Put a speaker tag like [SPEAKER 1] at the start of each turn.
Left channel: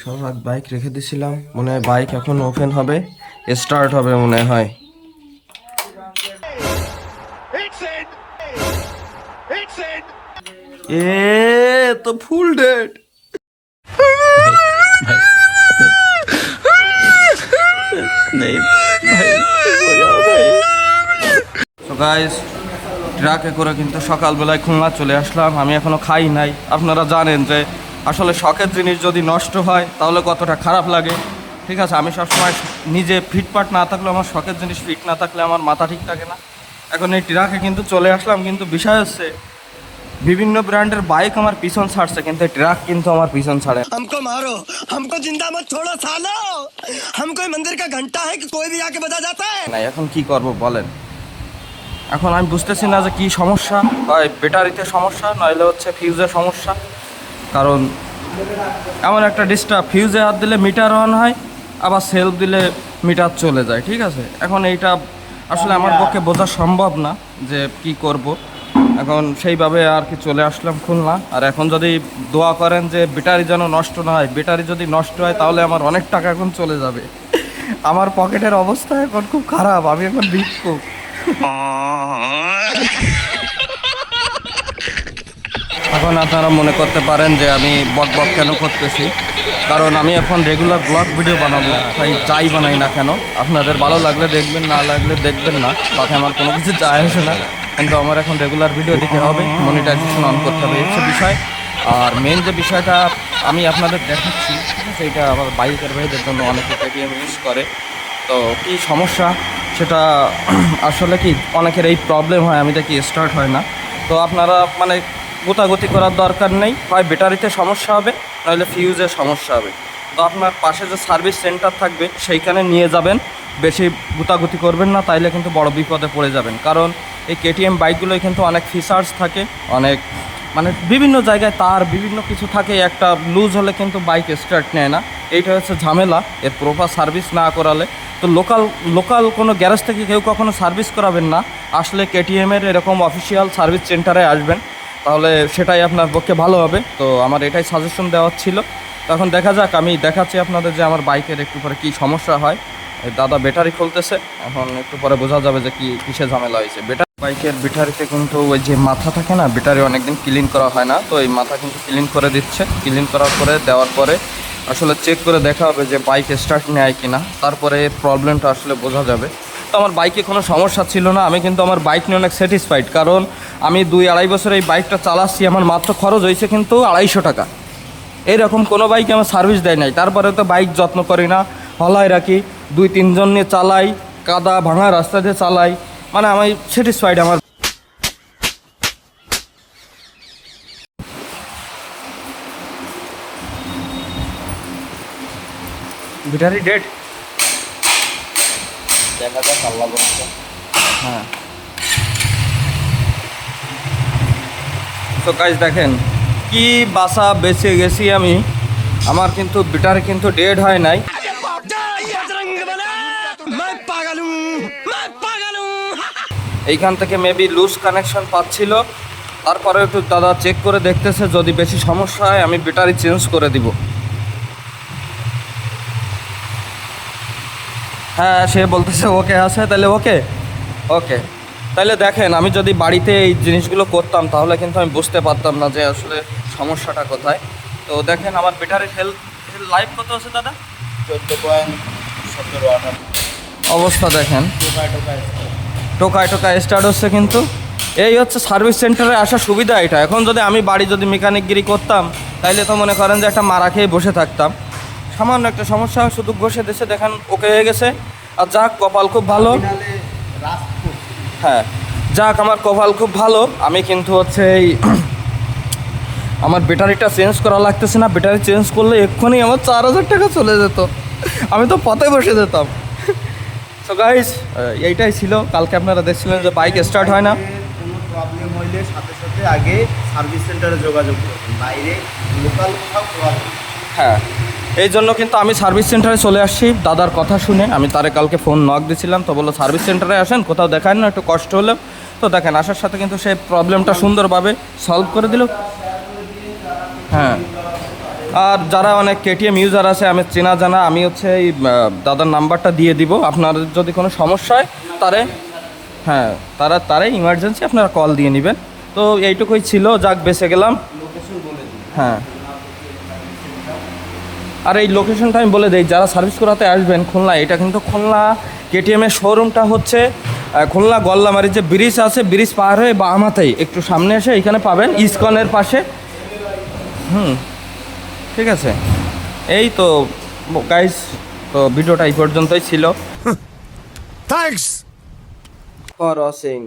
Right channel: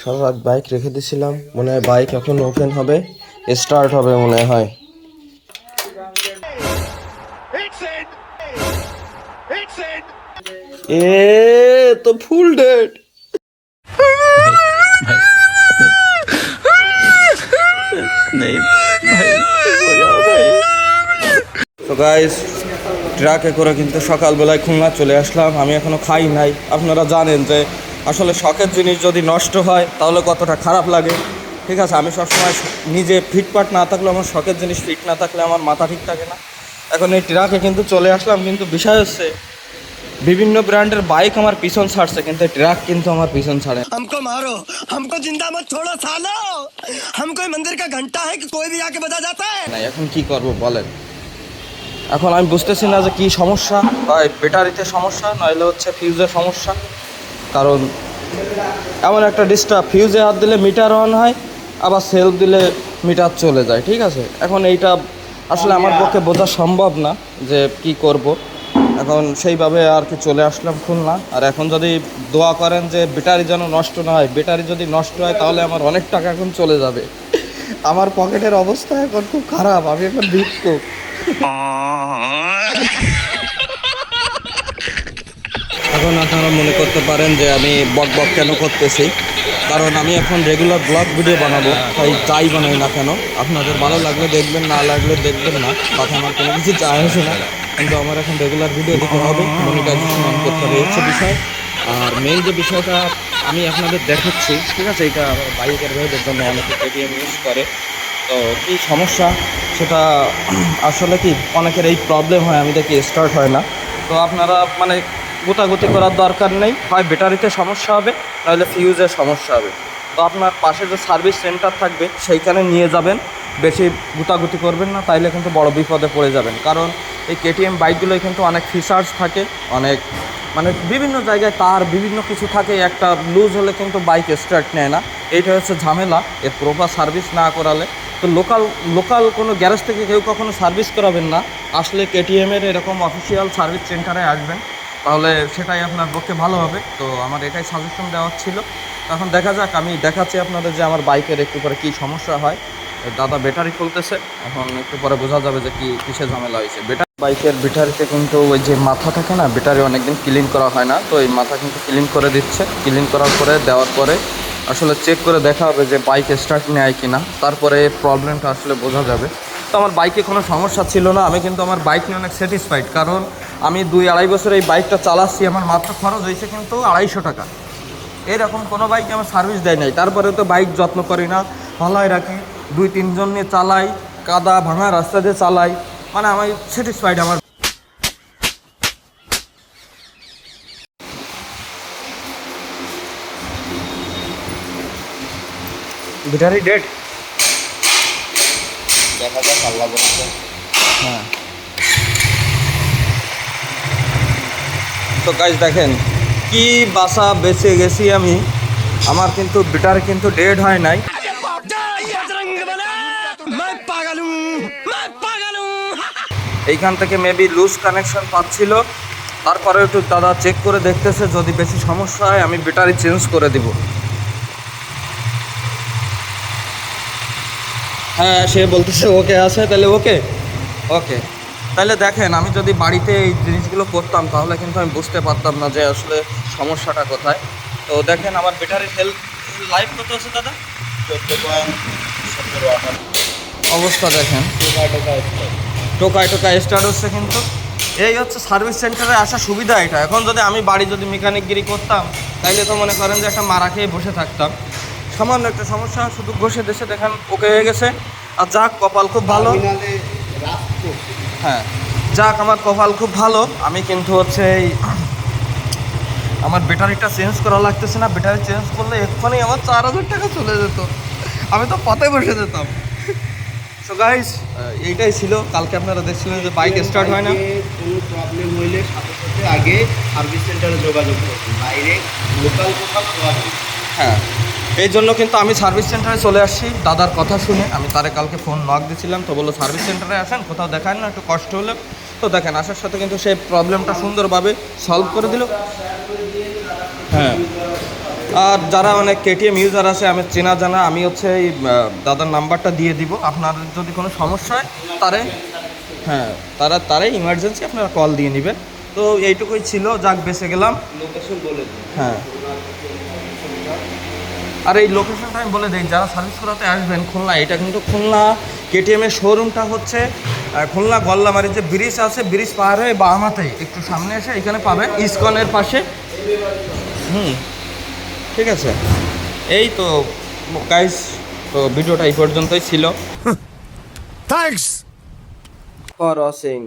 [SPEAKER 1] সারা রাত বাইক রেখে দিয়েছিলাম। মনে হয় বাইক এখন ওপেন হবে। স্টার্ট হবে মনে হয়। এ তো ফুল ডেট তো গাইস ট্রাকে করে কিন্তু সকালবেলায় খুলনা চলে আসলাম। আমি এখনও খাই নাই। আপনারা জানেন যে আসলে শখের জিনিস যদি নষ্ট হয় তাহলে কতটা খারাপ লাগে ঠিক আছে আমি সবসময় নিজে ফিটপাট না থাকলে আমার শখের জিনিস ফিট না থাকলে আমার মাথা ঠিক থাকে না এখন এই ট্রাকে কিন্তু চলে আসলাম কিন্তু বিষয় হচ্ছে বিভিন্ন ব্র্যান্ডের বাইক আমার পিছন ছাড়ছে কিন্তু ট্রাক কিন্তু আমার পিছন ছাড়ে না।
[SPEAKER 2] हमको मारो हमको जिंदा मत छोड़ो सालो हम कोई मंदिर का घंटा है कि कोई भी आके बजा जाता है
[SPEAKER 1] নাই এখন কি করব বলেন এখন আমি বুঝতেছি না যে কি সমস্যা হয় ব্যাটারিতে সমস্যা নইলে হচ্ছে ফিউজের সমস্যা কারণ এমন একটা ডিস্টার্ব ফিউজে হাত দিলে মিটার অন হয় আবার সেলফ দিলে মিটার চলে যায় ঠিক আছে? এখন এইটা আসলে আমার পক্ষে বোঝা সম্ভব না যে কি করব। এখন সেইভাবে আর কি চলে আসলাম খুলনা। আর এখন যদি দোয়া করেন যে ব্যাটারি যেন নষ্ট না হয় ব্যাটারি যদি নষ্ট হয় তাহলে আমার অনেক টাকা এখন চলে যাবে। আমার পকেটের অবস্থা এখন খুব খারাপ আমি এখন ভিক্ষুক। এখন আপনারা মনে করতে পারেন যে আমি বক বক কেন করতেছি? কারণ আমি এখন রেগুলার ব্লগ ভিডিও বানাবো, তাই যাই বানাই না কেন, আপনাদের ভালো লাগলে দেখবেন, না লাগলে দেখবেন না তাতে আমার কোনো কিছু যায় আসে না। কিন্তু আমার এখন রেগুলার ভিডিও দিতে হবে মনিটাইজেশন অন করতে হবে হচ্ছে বিষয়। আর মেইন যে বিষয়টা আমি আপনাদের দেখাচ্ছি, ঠিক আছে, এটা আমার বাইকের ভাইদের জন্য অনেকে পেটিএম ইউজ করে। তো কি সমস্যা? সেটা আসলে কি, অনেকের এই প্রবলেম হয়, আমি দেখি স্টার্ট হয় না। তো আপনারা মানে গোতাগুতি করার দরকার নেই। হয় ব্যাটারিতে সমস্যা হবে নইলে ফিউজের সমস্যা হবে। তো আপনার পাশে যে সার্ভিস সেন্টার থাকবে, সেইখানে নিয়ে যাবেন। বেশি গুতাগুতি করবেন না, তাইলে কিন্তু বড় বিপদে পড়ে যাবেন। কারণ এই কেটিএম বাইকগুলোয় কিন্তু অনেক ফিচার্স থাকে, অনেক মানে বিভিন্ন জায়গায় তার বিভিন্ন কিছু থাকে, একটা লুজ হলে কিন্তু বাইক স্টার্ট নেয় না। এইটা হচ্ছে ঝামেলা, এর প্রপার সার্ভিস না করালে। তো লোকাল লোকাল কোনো গ্যারেজ থেকে কেউ কখনো সার্ভিস করাবেন না। আসলে কেটিএমের এরকম অফিসিয়াল সার্ভিস সেন্টারে আসবেন। তাহলে সেটাই আপনার পক্ষে ভালো হবে। তো আমার এটাই সাজেশন দেওয়ার ছিল। তো এখন দেখা যাক, আমি দেখাচ্ছি আপনাদের যে আমার বাইকের একটু পরে কী সমস্যা হয়। দাদা ব্যাটারি খুলতেছে, এখন একটু পরে বোঝা যাবে যে কি, কিসে ঝামেলা হয়েছে। ব্যাটারি বাইকের ব্যাটারিতে কিন্তু ওই যে মাথা থাকে না ব্যাটারি অনেকদিন ক্লিন করা হয় না। তো এই মাথা কিন্তু ক্লিন করে দিচ্ছে। ক্লিন করার পরে, দেওয়ার পরে আসলে চেক করে দেখা হবে যে বাইক স্টার্ট নেয় কি না তারপরে প্রবলেমটা আসলে বোঝা যাবে। তো আমার বাইকে কোনো সমস্যা ছিল না, আমি কিন্তু আমার বাইক নিয়ে অনেক স্যাটিসফাইড কারণ আমি দুই আড়াই বছর এই বাইকটা চালাচ্ছি, আমার মাত্র খরচ হয়েছে কিন্তু আড়াইশো টাকা। এইরকম কোনো বাইক আমার সার্ভিস দেয় নাই তারপরে তো বাইক যত্ন করি না হলায় রাখি, দুই তিনজন নিয়ে চালাই, কাদা ভাঙা রাস্তা দিয়ে চালাই মানে আমি স্যাটিসফাইড আমার। ব্যাটারি ডেড হ্যাঁ। তো কাজ দেখেন, কি বাসা বেঁচে গেছি আমি, আমার কিন্তু বিটার কিন্তু ডেড হয় নাই। এইখান থেকে মেবি লুজ কানেকশন পাচ্ছিল, তারপরে একটু দাদা চেক করে দেখতেছে, যদি বেশি সমস্যা হয়, আমি ব্যাটারি চেঞ্জ করে দিব। হ্যাঁ সে বলতেছে ওকে আছে, তাহলে ওকে ওকে। তাহলে দেখেন, আমি যদি বাড়িতে এই জিনিসগুলো করতাম, তাহলে কিন্তু আমি বুঝতে পারতাম না যে আসলে সমস্যাটা কোথায়। তো দেখেন, আমার ব্যাটারির হেলথ লাইফ কত আছে দাদা? অবস্থা দেখেন। টোকায় টোকায় স্টার্ট হচ্ছে কিন্তু। এই হচ্ছে সার্ভিস সেন্টারে আসার সুবিধা এটা। এখন যদি আমি বাড়ি যদি মেকানিকগিরি করতাম, তাইলে তো মনে করেন যে একটা মারা খেয়ে বসে থাকতাম। সামান্য একটা সমস্যা, শুধু বসে দেশে দেখেন ওকে হয়ে গেছে। আর যাক, কপাল খুব ভালো। হ্যাঁ। যাক আমার কপাল খুব ভালো। আমি কিন্তু হচ্ছে এই আমার ব্যাটারিটা চেঞ্জ করা লাগতেছে না। ব্যাটারি চেঞ্জ করলে এক্ষুনি আমার চার হাজার টাকা চলে যেত। আমি তো পথে বসে যেতাম। তো গাইস এইটাই ছিল। কালকে আপনারা দেখছিলেন যে বাইক স্টার্ট হয় না।
[SPEAKER 3] কোনো প্রবলেম হইলে সাথে সাথে আগে সার্ভিস সেন্টারে যোগাযোগ করবেন ডাইরেক্ট লোকাল কোথাও প্রবলেম
[SPEAKER 1] হ্যাঁ। এই জন্য কিন্তু আমি সার্ভিস সেন্টারে চলে আসছি। দাদার কথা শুনে আমি তারে কালকে ফোন নক দিয়েছিলাম তো বলল, সার্ভিস সেন্টারে আসেন, কোথাও দেখান না, একটু কষ্ট হলো। তো দেখেন, আসার সাথে কিন্তু সেই প্রবলেমটা সুন্দরভাবে সলভ করে দিল। হ্যাঁ। আর যারা অনেক কেটিএম ইউজার আছে, আমি চেনা জানা, আমি হচ্ছে এই দাদার নাম্বারটা দিয়ে দিব। আপনার যদি কোনো সমস্যা হয়, তারে হ্যাঁ তারা তারাই ইমার্জেন্সি আপনারা কল দিয়ে নেবেন। তো এইটুকুই ছিল, যাক, বেঁচে গেলাম। হ্যাঁ। আর এই লোকেশনটা আমি বলে দিই যারা সার্ভিস করাতে আসবেন খুলনা এটা কিন্তু খুলনা কেটিএমের শোরুমটা হচ্ছে খুলনা গল্লামারি যে ব্রিজ আছে ব্রিজ পার হয়ে বা আমাতেই একটু সামনে এসে এখানে পাবেন ইস্কনের পাশে। হুম ঠিক আছে। এই তো গাইস তো ভিডিওটা এই পর্যন্তই ছিল।
[SPEAKER 2] Thanks
[SPEAKER 1] for watching